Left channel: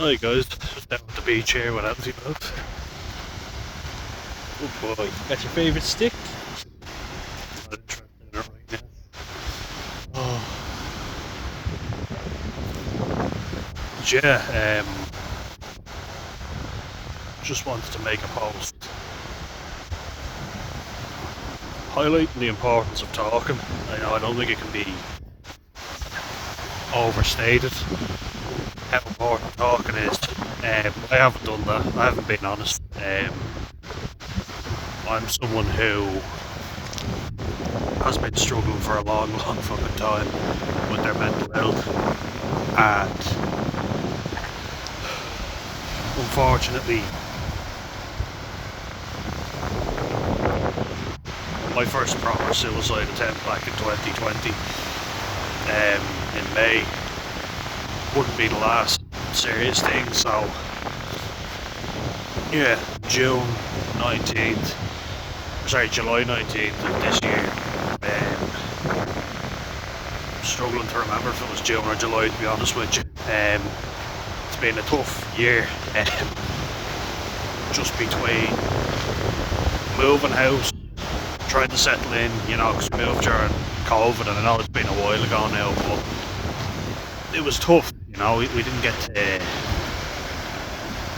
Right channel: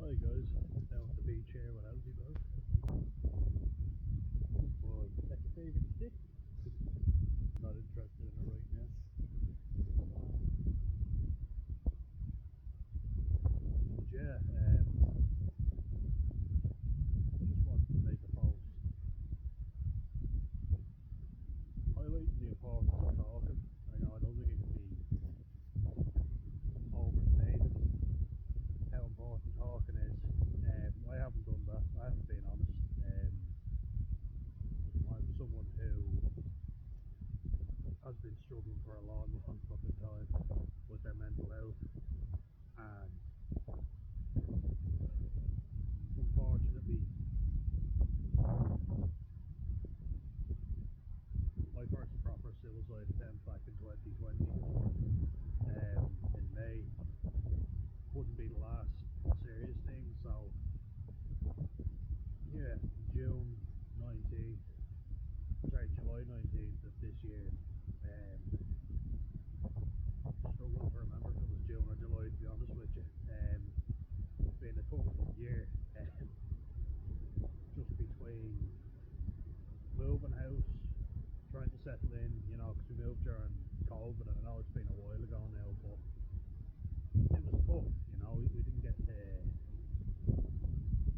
Hi guys, just down at the beach here with Anthony both. Oh boy, got your favourite stick? Not interested in it right now. Oh, but yeah, just wanted to make a post highlighting the importance of talking. I don't think it can be overstated how important talking is. I haven't done that. I haven't been honest. I'm someone who has been struggling for a long, long fucking time with their mental health, and unfortunately, my first proper suicide attempt back in 2020, in May, wouldn't be the last serious thing. So, yeah, June 19th, sorry, July 19th of this year. Struggling to remember if it was June or July, to be honest with you. It's been a tough year, just between moving house, trying to settle in, because we moved during COVID, and I know it's been a while ago now, but it was tough. We didn't get to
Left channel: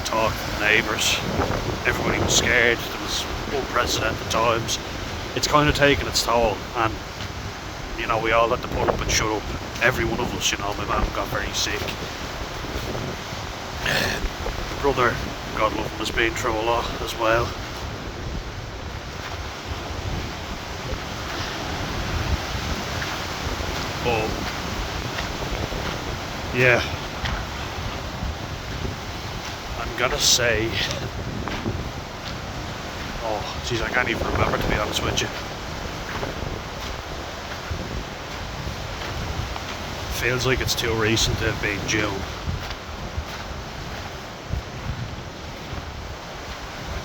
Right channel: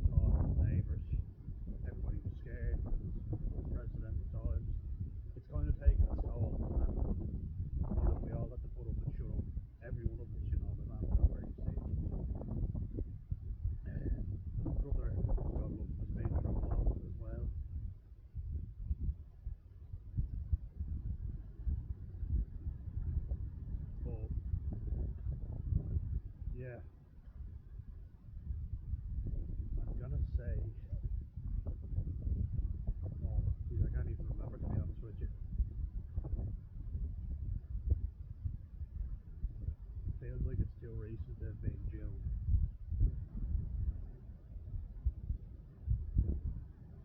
talk to the neighbours. Everybody was scared. There was unprecedented times. It's kind of taken its toll, and we all had to put up and shut up. Every one of us. My mum got very sick. My brother, God love him, has been through a lot as well. But yeah, I'm gonna say, oh jeez, I can't even remember, to be honest with you. Feels like it's too recent to have been June.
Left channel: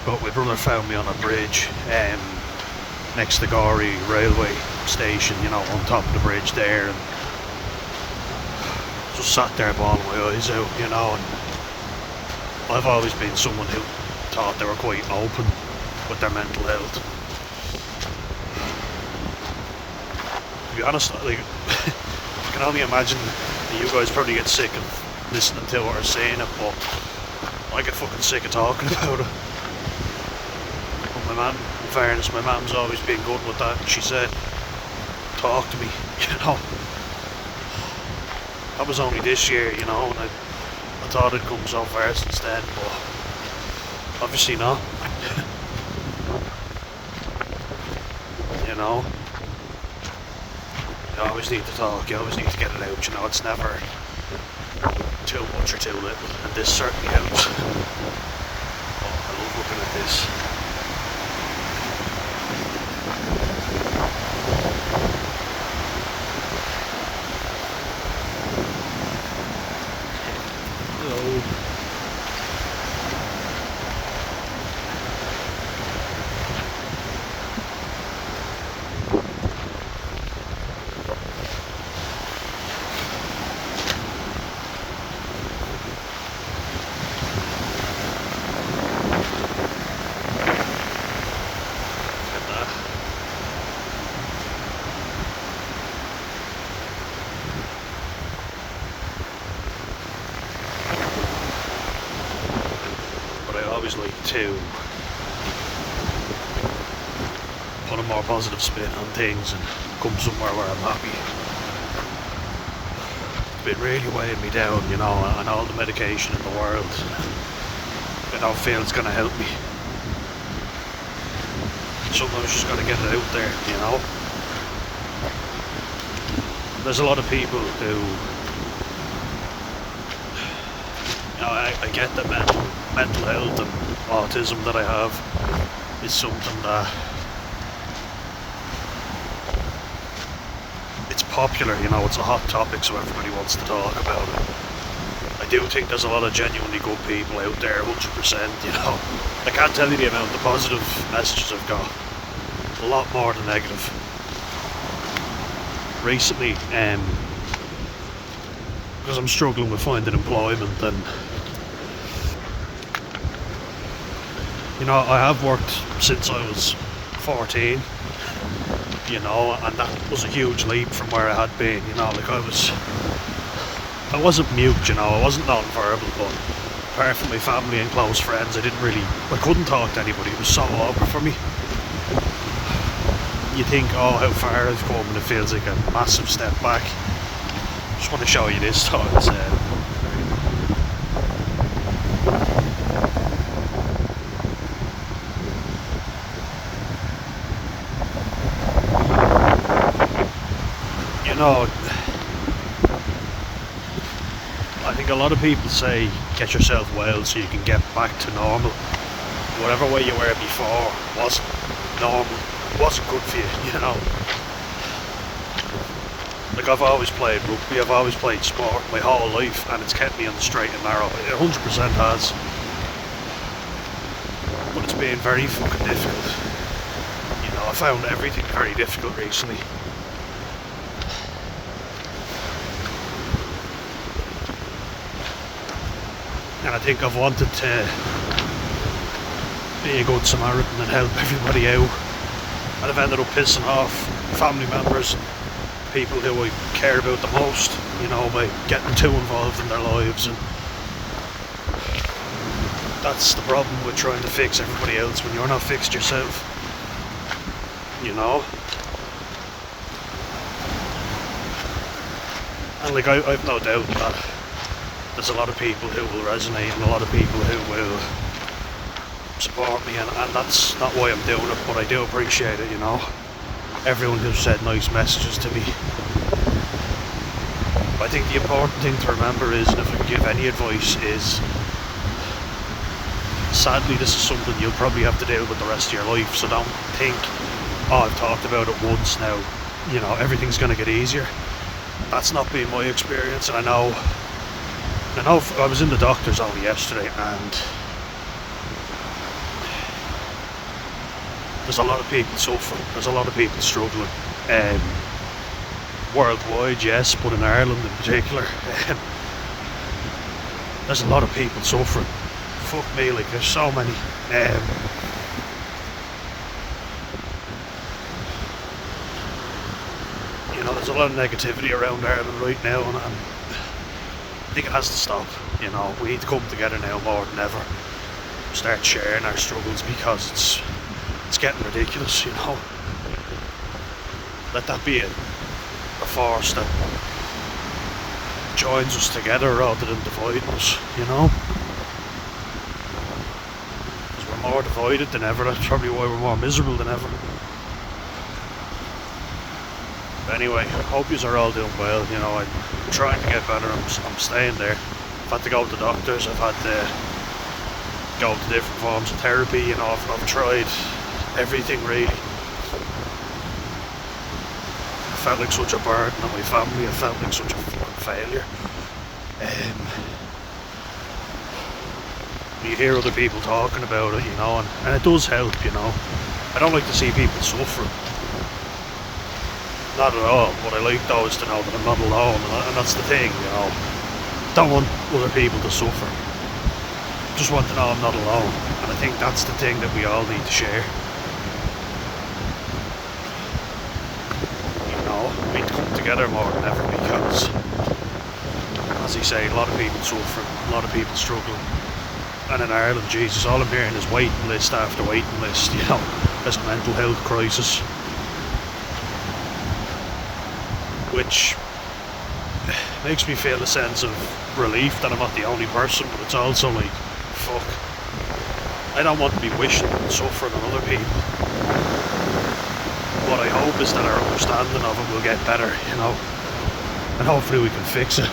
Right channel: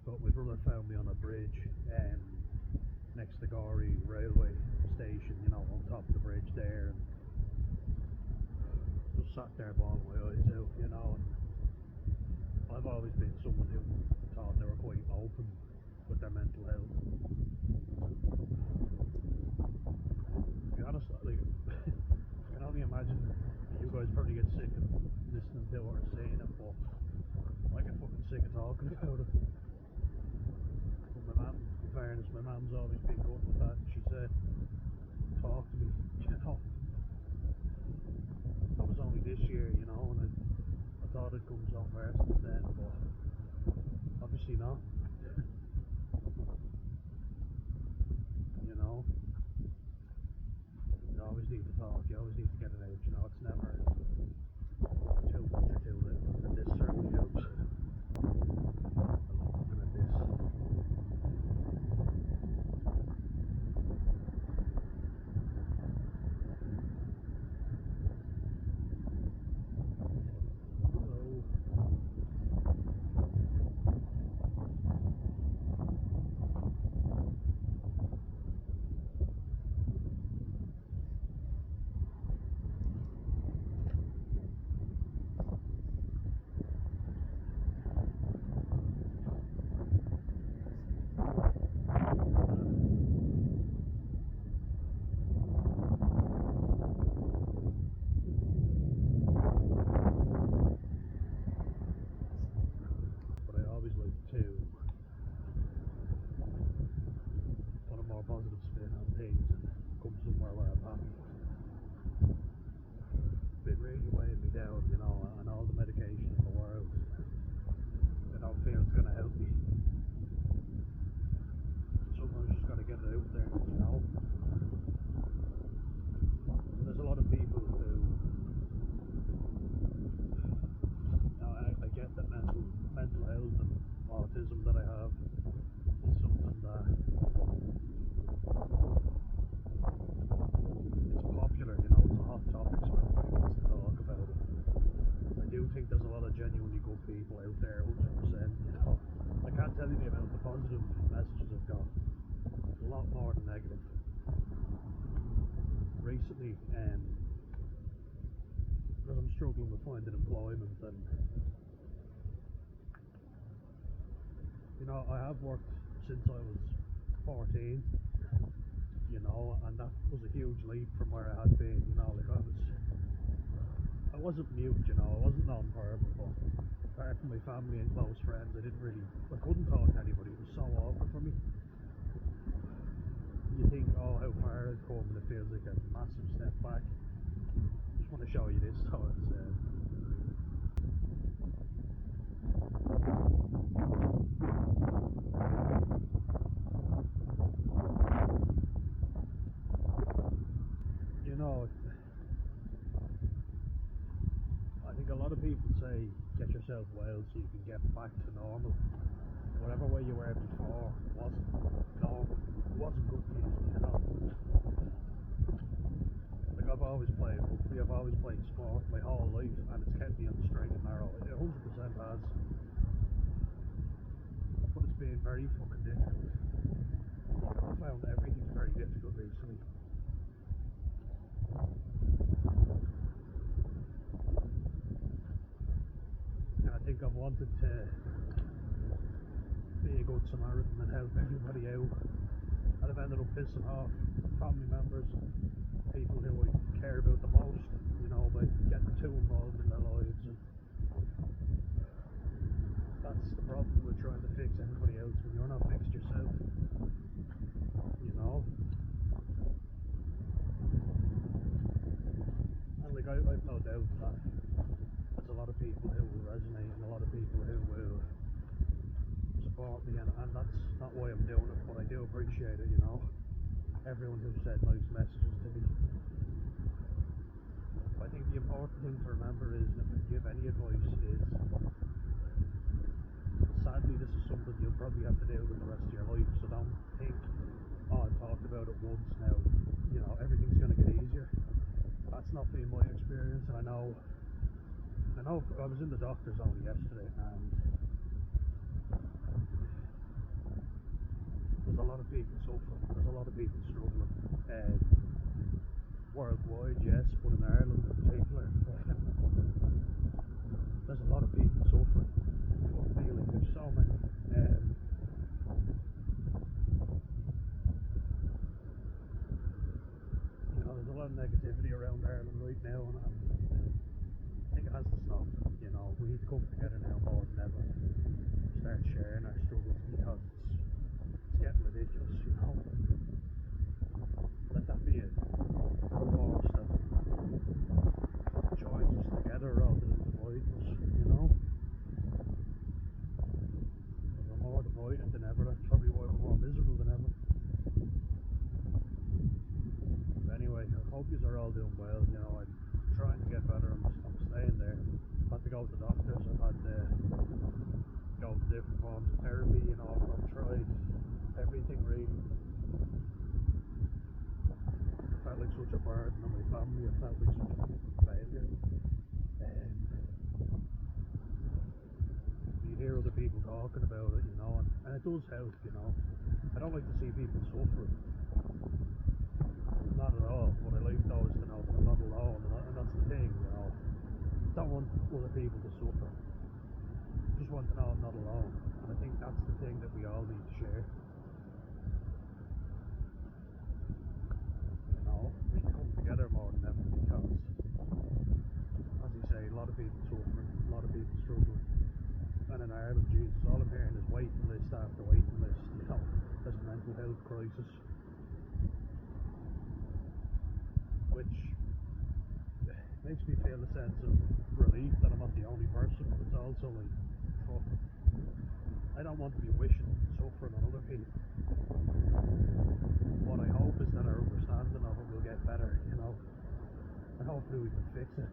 But my brother found me on a bridge next to Gorey railway station, on top of the bridge there, and just sat there bawling my eyes out, and I've always been someone who thought they were quite open with their mental health. To be honest, I can only imagine that you guys probably get sick of listening to it or saying it, but I get fucking sick of talking about it. But in fairness, my mum's always been good with that. She said, talk to me, That was only this year, and I thought it'd come so far since then, but obviously not. You always need to talk, you always need to get it out, it's never too much or too little, and this certainly helps. Oh, I love looking at this. Hello. Like to put a more positive spin on things and come somewhere where I'm happy. It's been really weighing me down, and all the medication in the world. I don't feel it's gonna help me. Sometimes you just gotta get it out there, There's a lot of people who, I get that mental health and autism that I have is something that it's popular, it's a hot topic, so everybody wants to talk about it. I do think there's a lot of genuinely good people out there, 100%, I can't tell you the amount of positive messages I've got. A lot more than negative. Recently, because I'm struggling with finding employment, and You know, I have worked since I was 14, you know, and that was a huge leap from where I had been, you know, like I wasn't mute, you know, I wasn't non-verbal, but apart from my family and close friends, I couldn't talk to anybody, it was so awkward for me. You think, oh, how far I've come, and it feels like a massive step back. Just want to show you this thought instead. You know, I think a lot of people say get yourself well so you can get back to normal. Whatever way you were before wasn't normal, wasn't good for you, you know. Like, I've always played rugby, I've always played sport my whole life, and it's kept me on the straight and narrow. It 100% has. But it's been very fucking difficult. You know, I found everything very difficult recently. And I think I've wanted to be a good Samaritan and help everybody out. And I've ended up pissing off family members and people who I care about the most, you know, by getting too involved in their lives. And that's the problem with trying to fix everybody else when you're not fixed yourself, you know. And like, I've no doubt that there's a lot of people who will resonate and a lot of people who will support me, and that's not why I'm doing it, but I do appreciate it, you know. Everyone who's said nice messages to me. I think the important thing to remember is, and if I can give any advice, is sadly this is something you'll probably have to deal with the rest of your life, so don't think, oh, I've talked about it once now, you know, everything's going to get easier. That's not been my experience, and I know I was in the doctor's only yesterday, and there's a lot of people suffering, there's a lot of people struggling. Worldwide, yes, but in Ireland in particular, there's a lot of people suffering. Fuck me, like, there's so many. You know, there's a lot of negativity around Ireland right now, and I think it has to stop. You know, we need to come together now more than ever. Start sharing our struggles, because it's getting ridiculous, you know. Let that be a force that joins us together rather than dividing us, you know. Because we're more divided than ever, that's probably why we're more miserable than ever. But anyway, I hope yous are all doing well, you know. I'm trying to get better, I'm staying there. I've had to go to the doctors, I've had to go to different forms of therapy, you know, I've tried everything really. I felt like such a burden on my family, I felt like such a failure. You hear other people talking about it, you know, and it does help, you know. I don't like to see people suffering. Not at all. What I like though is to know that I'm not alone, and that's the thing, you know. Don't want other people to suffer. Just want to know I'm not alone, and I think that's the thing that we all need to share. We need to come together more than ever, because, as I say, a lot of people suffering, a lot of people struggling. And in Ireland, Jesus, all I'm hearing is waiting list after waiting list, you know. There's a mental health crisis, which makes me feel a sense of relief that I'm not the only person, but it's also like, fuck, I don't want to be wishing and suffering on other people. What I hope is that our understanding of it will get better, you know, and hopefully we can fix it.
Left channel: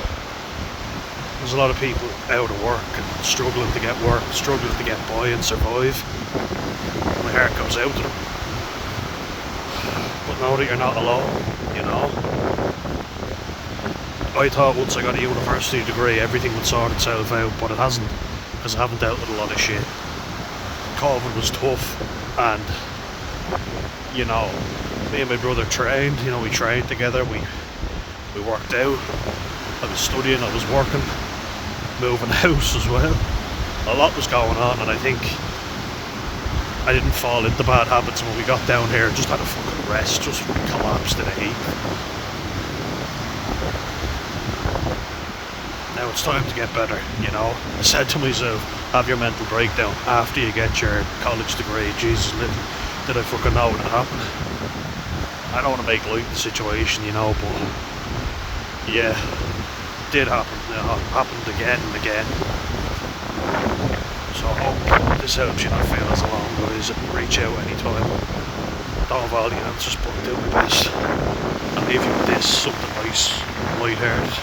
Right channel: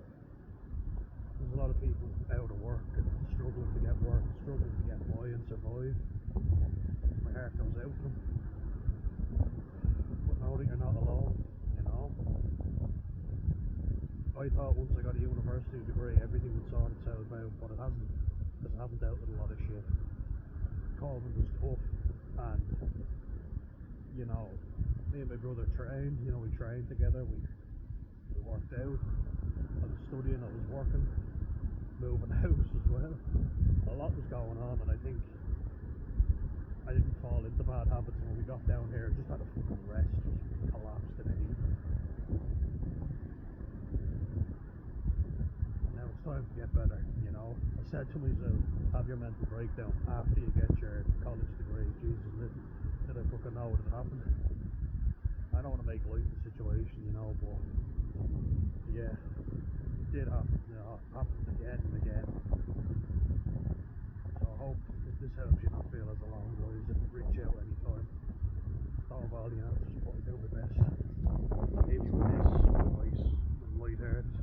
There's a lot of people out of work and struggling to get work, struggling to get by and survive. My heart goes out to them. But know that you're not alone, you know. I thought once I got a university degree everything would sort itself out, but it hasn't, because I haven't dealt with a lot of shit. COVID was tough, and, you know, me and my brother trained, you know, we trained together, we worked out. I was studying, I was working, moving house as well. A lot was going on, and I think I didn't fall into bad habits when we got down here. Just had a fucking rest, just collapsed in a heap. Now it's time to get better, you know. I said to myself, have your mental breakdown after you get your college degree. Jesus, did I fucking know it would happen? I don't want to make light of the situation, you know, but yeah, it did happen. You know, it happened again and again. So I hope this helps you not feel as alone, guys, and reach out anytime. Don't have all the answers, but do my best. I'll leave you with this, something nice, light-hearted.